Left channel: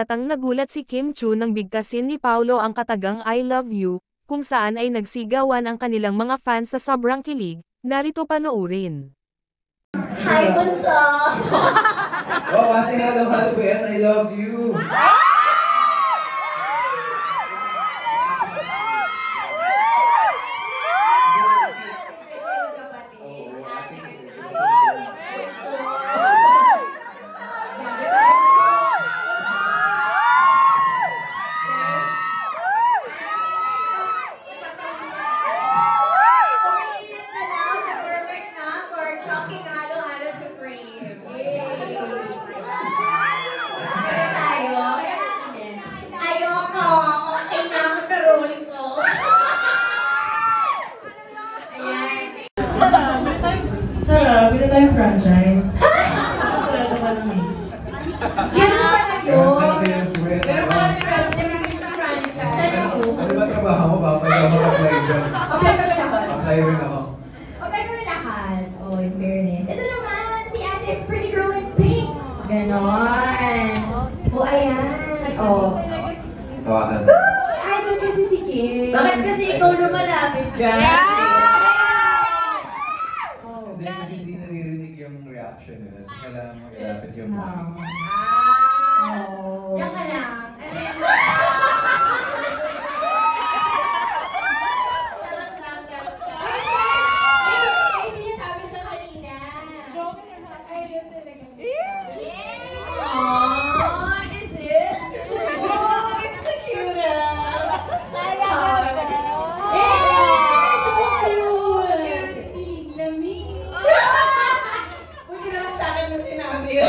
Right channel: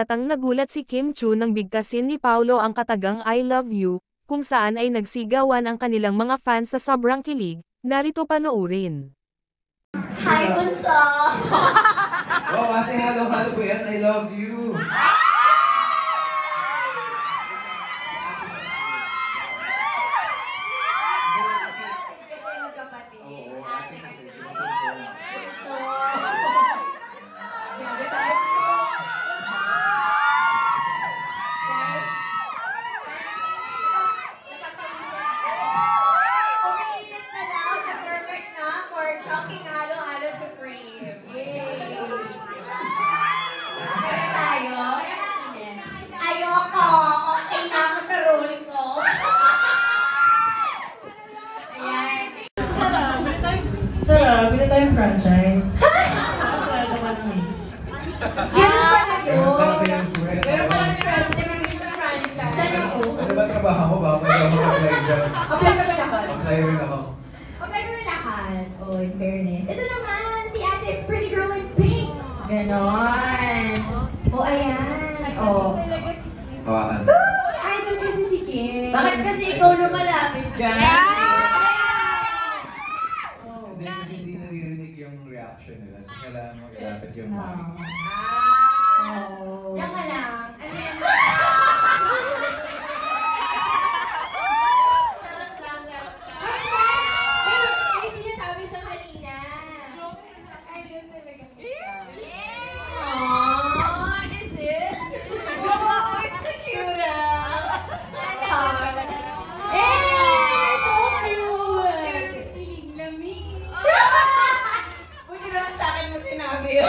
halatang nagulat si Kim Chu nang bigkasin ni Paolo ang katagang I love you, kung saan ay nagsigawan ang kanilang mga fans sa sobrang kilig. Narito panoorin. Hi, Bunso! Oh, ate, halo-halo ko yan. I love you. Tara, bila tayong franchise. Ano ba trabaho mo ba? Pwede ako mag-apply dyan. Apply rin ako. Okay, gawin lahat. Oh, in fairness. Ito naman, si ate, pretty girl in pink. Ganon. Oh, ayan. Oh. Hawakan. Ay, doon kasi si Kim. Bakit kasi ikaw na malapit ka? Hindi kasi hindi naririnig yung reaction nila. So, kailangan mag-alapit yung mic. Oh. Yan ka lang. Ay, sinasabi sa kanina. Oh, is it? Oh, it's so cute. So cute! Lamig. Huwag ka naman sa akin mo sinabi yun.